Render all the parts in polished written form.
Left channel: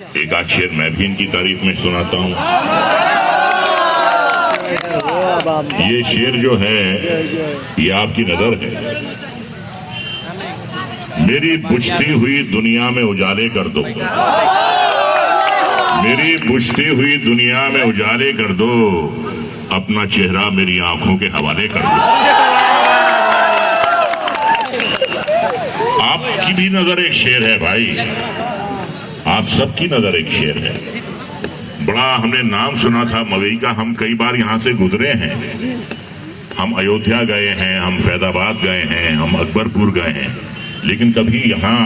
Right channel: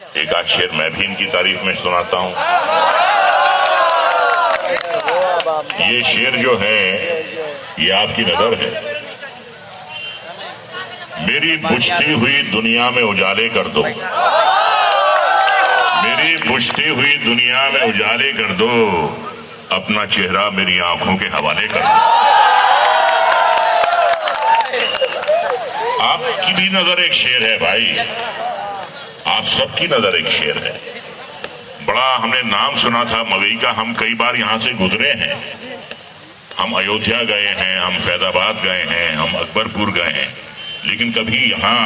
एक आध शेर मैं भी इनकी तारीफ में सुनाता हूँ। ये शेर जो है ये आपकी नजर है। मेरी बुझती हुई दुनिया में उजाले कर दो, मेरी बुझती हुई दुनिया में उजाले कर दो, अपना चेहरा मेरी आंखों के हवाले कर दो। आपकी भी नजर एक शेर है भाई, आप सबकी नजर एक शेर है। बड़ा हमने नाम सुना था मवई का, हम कई बार यहाँ से गुजरे हैं, हम अयोध्या गए हैं, हम फैजाबाद गए हैं, हम अकबरपुर गए हैं, लेकिन कभी यहाँ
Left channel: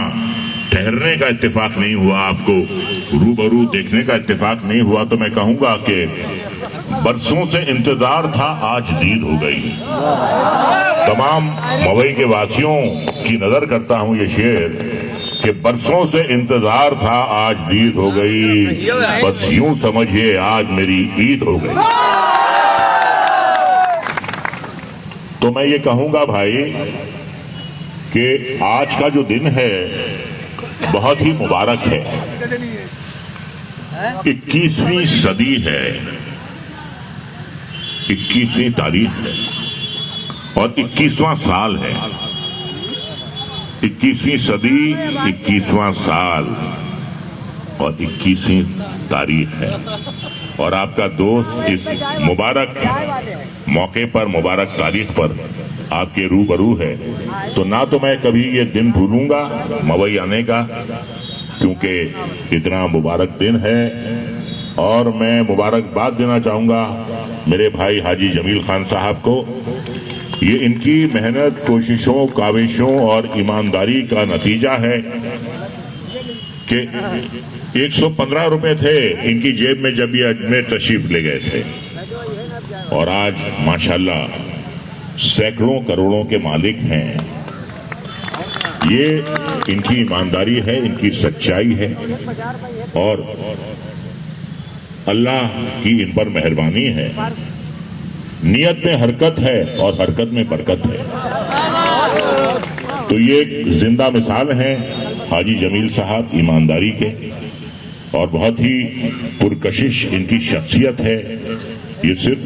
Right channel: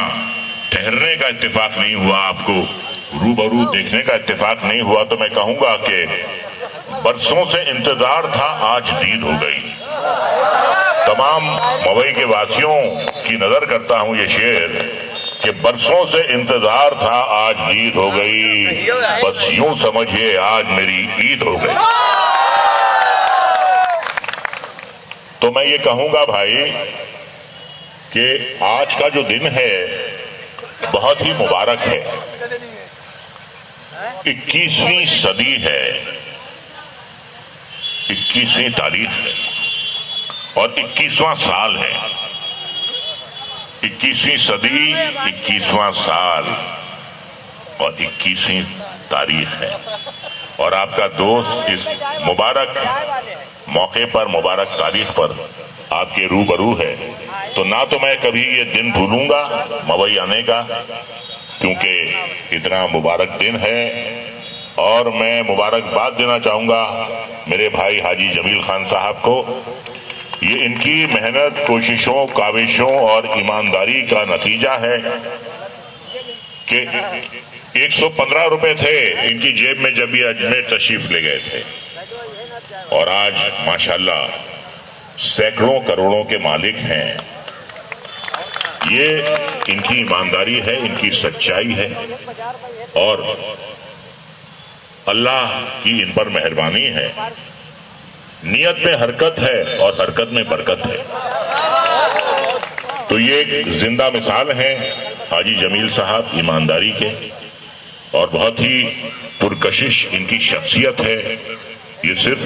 ठहरने का इत्तेफाक नहीं हुआ, आपको रूबरू देखने का इत्तेफाक नहीं हुआ। तो मैं कहूंगा कि बरसों से इंतजार था, आज दीद हो गई। तमाम मवई के वासियों की नजर करता हूं ये शेर कि बरसों से इंतजार था, आज दीद हो गई, बस यूं समझिए आज मेरी ईद हो गई। तो मैं ये कहूंगा भाई कि आज का जो दिन है बहुत ही मुबारक है। 21वीं सदी है, 21वीं तारीख है और 21वां साल है। 21वीं सदी, 21वां साल और 21वीं तारीख है। और आपका दोस्त इस मुबारक मौके पर, मुबारक तारीख पर आपके रूबरू है। तो ना तो मैं कभी ये दिन भूलूंगा मवई आने का, क्योंकि इतना मुबारक दिन है। और मैं मुबारकबाद देना चाहूंगा मेरे भाई हाजी जमील खान साहब को। ये इनकी मेहनत, कोशिशों, काविशों और ईमानदारी का नतीजा है कि 115 रुपए थे इनकी जेब में जब ये अजमेर तशरीफ ले गए थे, और आज माशाल्लाह सैकड़ों करोड़ों के मालिक हैं। ये इनकी ईमानदारी है, इनकी सच्चाई है और अल्लाह की इन पर मेहरबानी है। नियत में हरकत है और हरकत में बरकत है। तो ये एक जिंदा मिसाल है हाजी जमील साहब ईमानदारी के, और बहुत ही पुरकशिश इनकी शख्सियत है। ये सिर्फ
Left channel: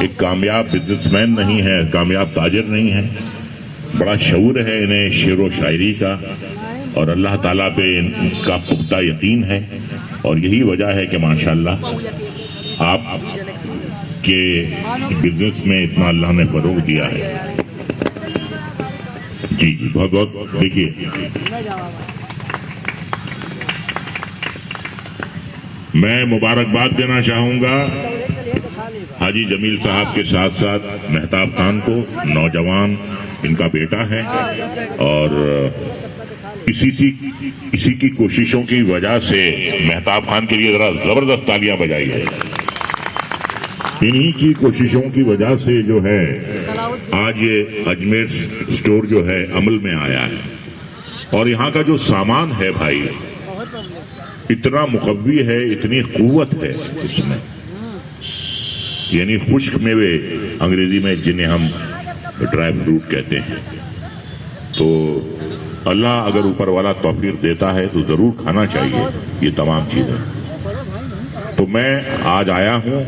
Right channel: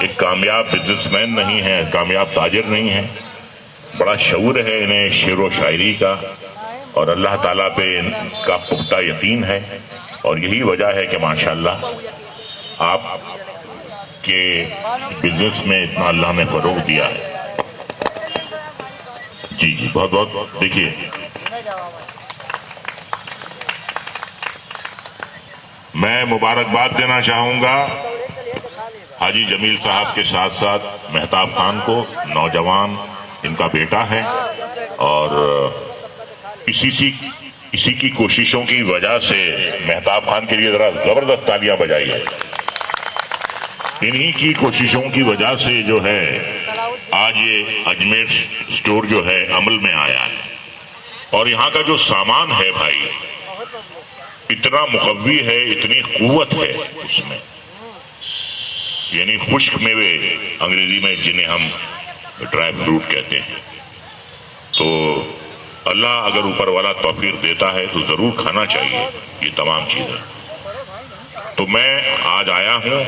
एक कामयाब बिजनेसमैन नहीं है, कामयाब ताजिर नहीं है, बड़ा शऊर है इन्हें शेर व शायरी का, और अल्लाह ताला पे इनका पुख्ता यकीन है। और यही वजह है कि माशाल्लाह आप के बिजनेस में इतना अल्लाह ने फरोग दिया है। जी जी, बहुत बहुत। देखिए, मैं मुबारकबाद देना चाहूंगा हाजी जमील साहब के साथ साथ मेहताब खान को, नौजवान इनका बेटा है, और इसी की कोशिशों की वजह से मेहताब खान के लिए जरा जबरदस्त तालियां बजाइए। इन्हीं की कोशिशों की वजह से जो है आज ये अजमेर स्टोर जो है अमल में आया है। और यहाँ का जो सामान है भाई इतना मुकव्वी है, इतनी कुव्वत है उसमें, यानी खुश्क मेवे अंग्रेजी में जिन्हें हम ड्राई फ्रूट कहते हैं। तो अल्लाह अगर ऊपर वाला तौफीक देता है तो जरूर खाना चाहिए ये तमाम चीजें। तो मैं आज आया हूं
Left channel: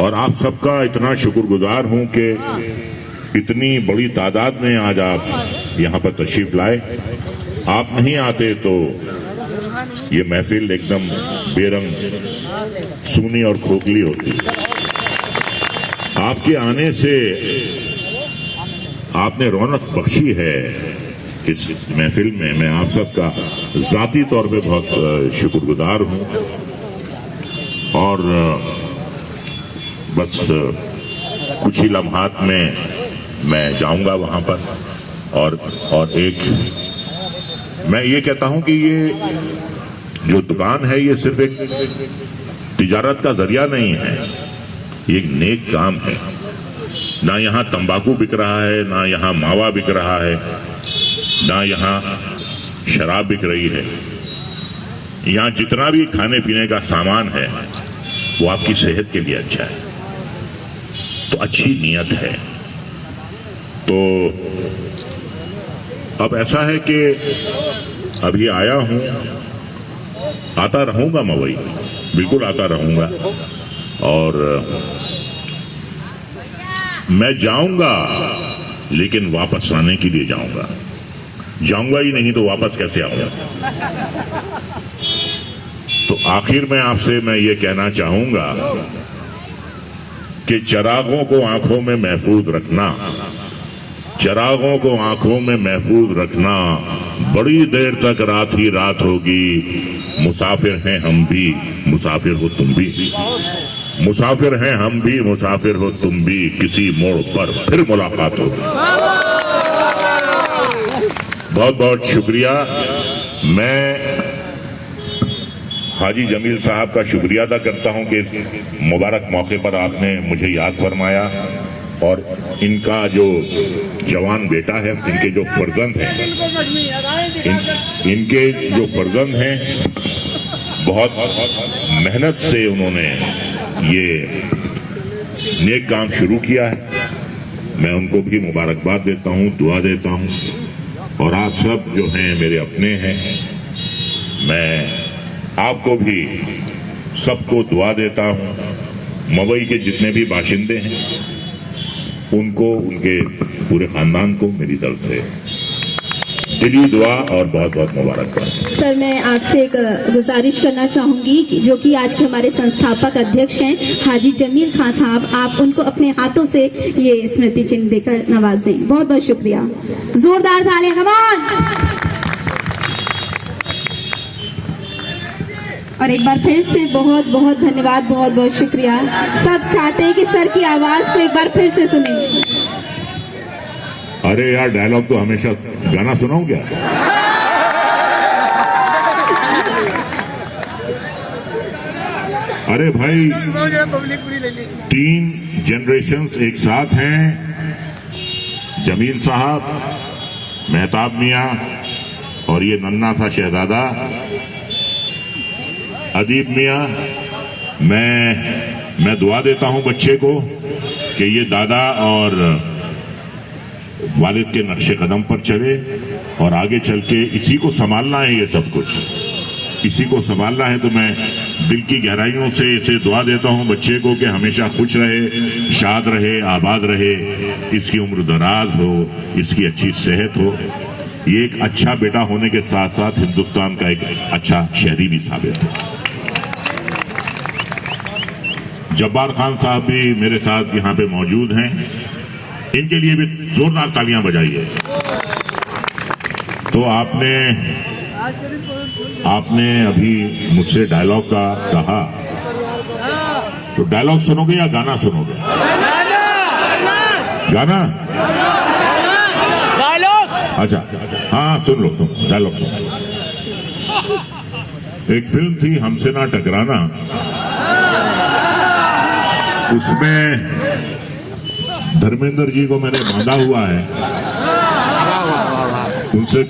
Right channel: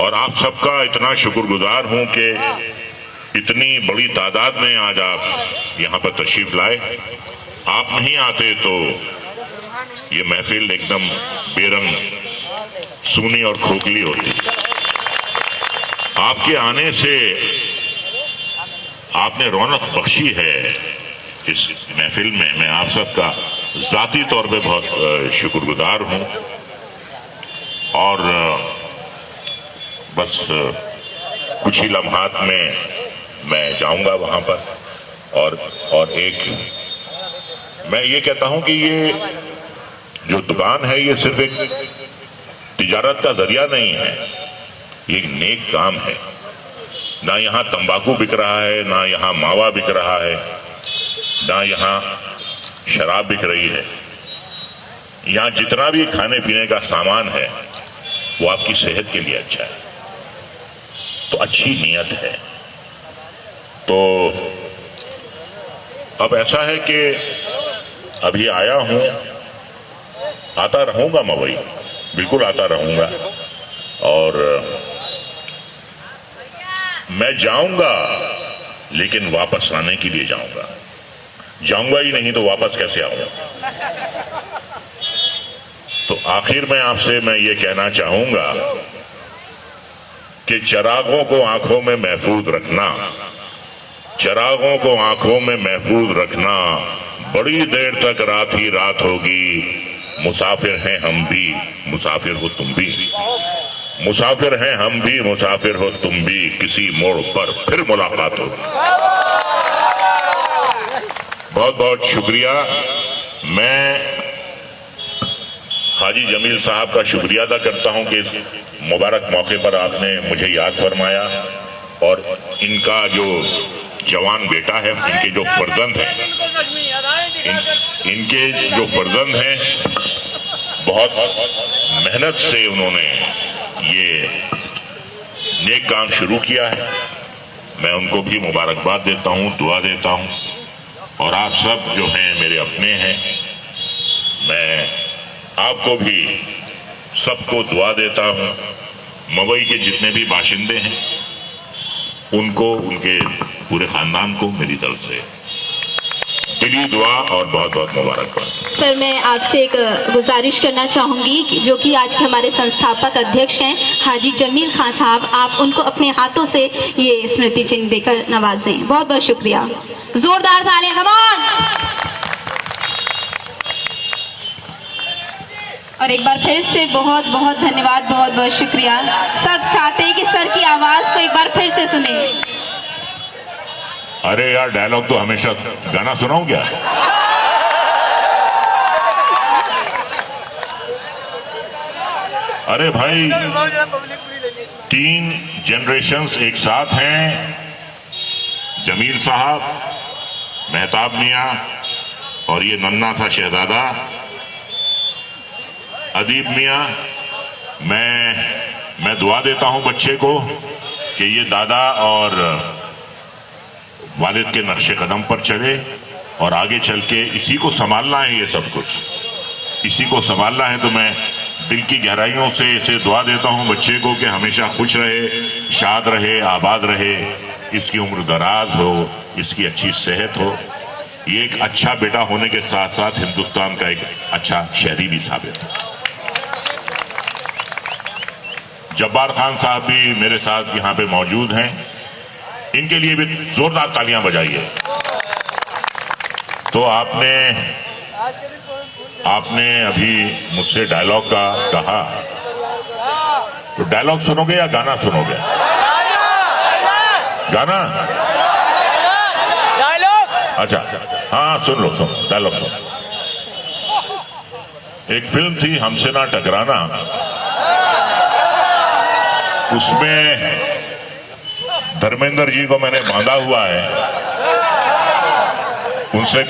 और आप सबका इतना शुक्रगुजार हूं कि इतनी बड़ी तादाद में आज आप यहाँ पर तशरीफ लाए। आप नहीं आते तो ये महफिल एकदम बेरंग, सूनी और खोखली होती। आपके आने से आपने रौनक बख्शी है इस महफिल में। मैं आप सबका जाती तौर पे बहुत शुक्रगुजार हूं। और बस कुछ ही लम्हात में मैं जाऊंगा वहां पर। और एक मैं ये कहता हूं कि ये जो दुकान है ये सिर्फ एक तिजारत का जरिया नहीं है, ये एक नेक काम है। ना यहाँ तंबाकू बिक रहा है, ना यहाँ मावा बिक रहा है, ना यहाँ शराब बिक रही है। यहाँ जितना भी खाने पीने का सामान है वो आपकी सेहत के लिए अच्छा है, तो अच्छी नीयत है। तो अब ऐसा है कि अभी आया हूं आता रहूंगा मवई, बिल्कुल आता रहूंगा। और मैं जाऊंगा, लेकिन वापस आने के लिए जाऊंगा। जाऊंगा ही नहीं तो वापस कैसे आऊंगा? तो आखिर में आपसे मैं ये कहना चाहूंगा कि चिरागों को आंखों में महफूज रखना, चिरागों को आंखों में महफूज रखना। बड़ी देर तक रात ही रात होगी। मुसाफिर हैं हम भी, मुसाफिर हो तुम भी। मुसाफिर हैं हम भी, मुसाफिर हो तुम भी। किसी मोड़ पर फिर मुलाकात होगी। बहुत बहुत शुक्रिया। मैं हाजी जमील साहब का शुक्रिया अदा करता हूं कि इस मुबारक मौके पर आपने मुझे याद फरमाया। और इनका जो जवान बेटा है, इनके जो फर्जंद हैं, इनके जो फर्जंद हैं, बहुत मेहनत से उन्होंने ये नेक काम शुरू किया है। मैं उनको भी मुबारकबाद देता हूं, दुआ देता हूं। और आप सब जो हैं मेरे अपने हैं, मैं आपको भी सबको दुआ देता हूं। मवई के जितने भी बाशिंदे हैं, उनको, उनके पूरे खानदान को मेरी तरफ से दिली दुआ और बहुत बहुत मुबारकबाद। सर, मैं आपसे एक गुजारिश करना चाहूंगी जो कि आज के हमारे संस्थापक अध्यक्ष हैं हाजी जमील खान साहब, आप उनको अपने हाथों से ये स्मृति चिन्ह देकर नवाजें। बहुत बहुत शुक्रिया। जोरदार तालियां, कम ऑन। और एक बार फिर से बहुत बहुत धन्यवाद, बहुत बहुत शुक्रिया। सब चाहते हैं कि सर की आवाज को एक बार फिर से सुने। अरे यार, डायलॉग तो हमेशा, गाना सुनाऊं क्या? अरे भाई, 3 जनरेशन्स एक साथ हैं। जमील साहब, मेहताब मियां और ये नन्ना था शहजादा अदीब मियां। मैं दुआ देता हूं बच्चे को कि ये दादा और वालिद के नक्शे कदम पर चले और आगे चल के इसी को संभालना है। ये सब कुछ इसी को संभालना है। तो मैं दिल की गहराइयों से इसे दुआ देता हूं बच्चे को कि हमेशा खुश रहे, शाद रहे, आबाद रहे, इसकी उम्र दराज हो, इसकी अच्छी सेहत हो। ये एक अच्छा बेटा होने के साथ साथ हिंदुस्तान का एक अच्छा शहरी भी साबित हो। जब्बार खान साहब भी मेरे साथ यहाँ पे मौजूद हैं, इनके लिए भी जोरदार तालियां बजाइए। तो आपने अभी मुझसे डायलॉग का कहा, तो डायलॉग सुनोगे या गाना सुनोगे? गाना? अच्छा, हाँ सुन लो, सुन डायलॉग सुन। एक फिल्म थी हमसे ना टकराना, उसमें धर्मेंद्र जी को मैंने बांधा हुआ है, उनसे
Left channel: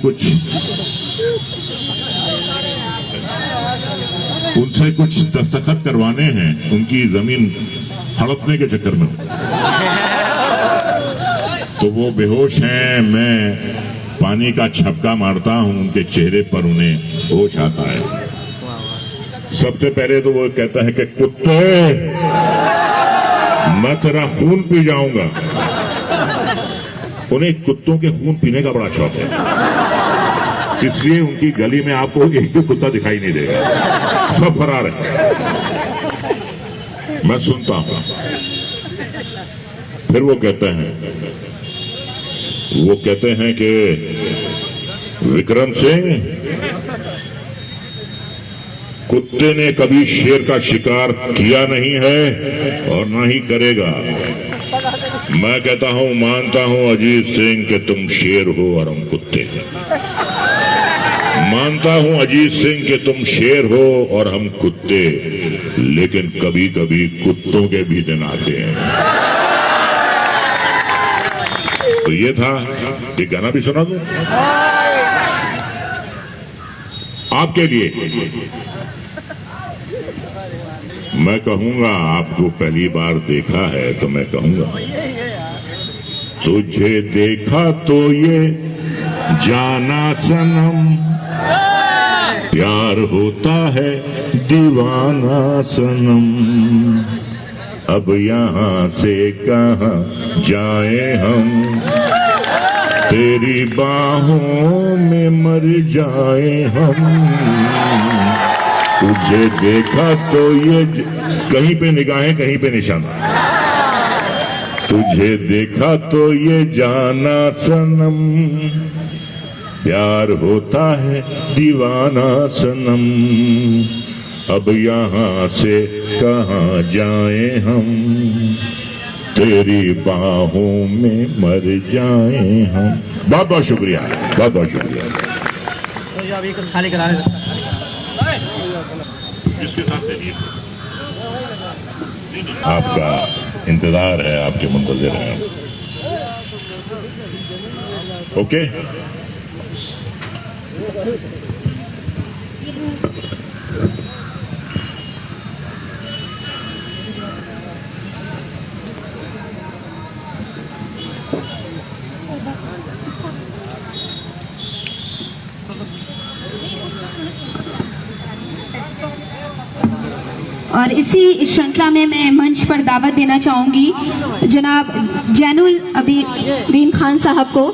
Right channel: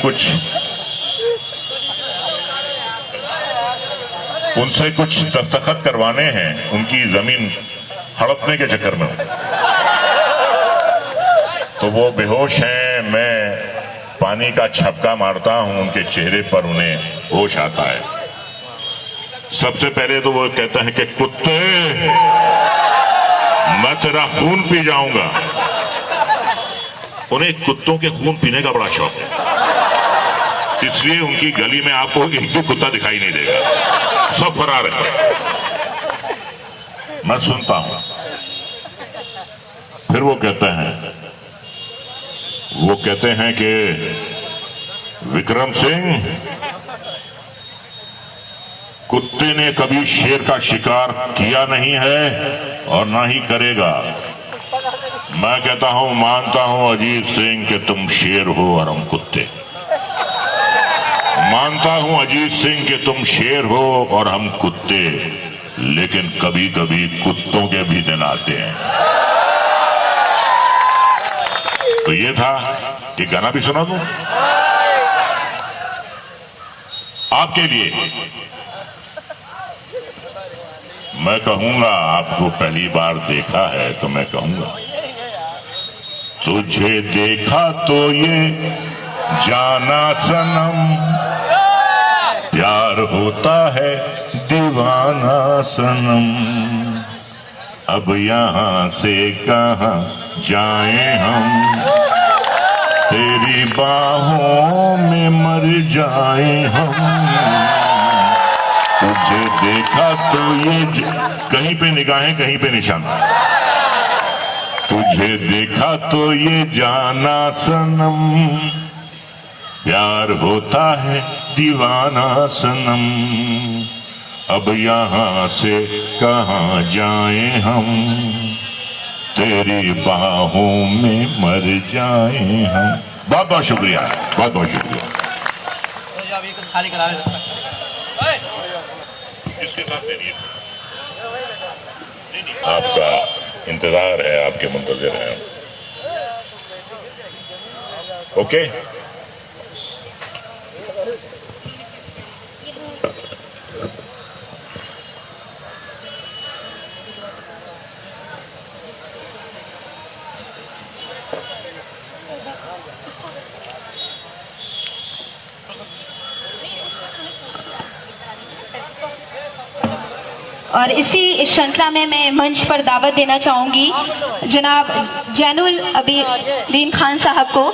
कुछ दस्तखत करवाने हैं, उनकी जमीन हड़पने के चक्कर में। तो वो बेहोश हैं, मैं पानी का छपका मारता हूं उनके चेहरे पर, उन्हें होश आता है। सबसे पहले तो वो कहता है कि कुत्ते, मैं तेरा खून पी जाऊंगा। उन्हें कुत्तों के खून पीने का बड़ा शौक है, इसलिए उनकी गली में आपको एक भी कुत्ता दिखाई नहीं देगा, सब फरार है। मैं सुनता हूं। फिर वो कहते हैं कि विक्रम सिंह, कुत्ते ने कभी शेर का शिकार किया नहीं है और ना ही करेगा। मैं कहता हूं, मानता हूं अजीत सिंह कि तुम शेर हो और हम कुत्ते। मानता हूं अजीत सिंह कि तुम शेर हो और हम कुत्ते, लेकिन कभी कभी कुत्तों के भी दिन आते हैं। तो ये था, ये गाना भी सुना दूं आपके लिए। मैं कहूंगा, आपको पहली बार देखा है तो मैं कहूंगा, तुझे देखा तो ये जाना सनम, प्यार होता है दीवाना सनम, अब यहाँ से कहाँ जाए हम, तेरी बाहों में मर जाए हम। तुझे देखा तो कहीं पे निगाहें कहीं पे निशान, तुझे देखा तो ये जाना सनम, प्यार होता है दीवाना सनम, अब यहाँ से कहाँ जाए हम, तेरी बाहों में मर जाए हम। बहुत बहुत शुक्रिया, बहुत बहुत शुक्रिया। खाली करा आपका इंतजार है, आपके मुंतजिर हैं। ओके, और इसी श्रृंखला में मैं मंच पर दावत देना चाहूंगी जनाब जैनुल अबीदीन खान साहब को।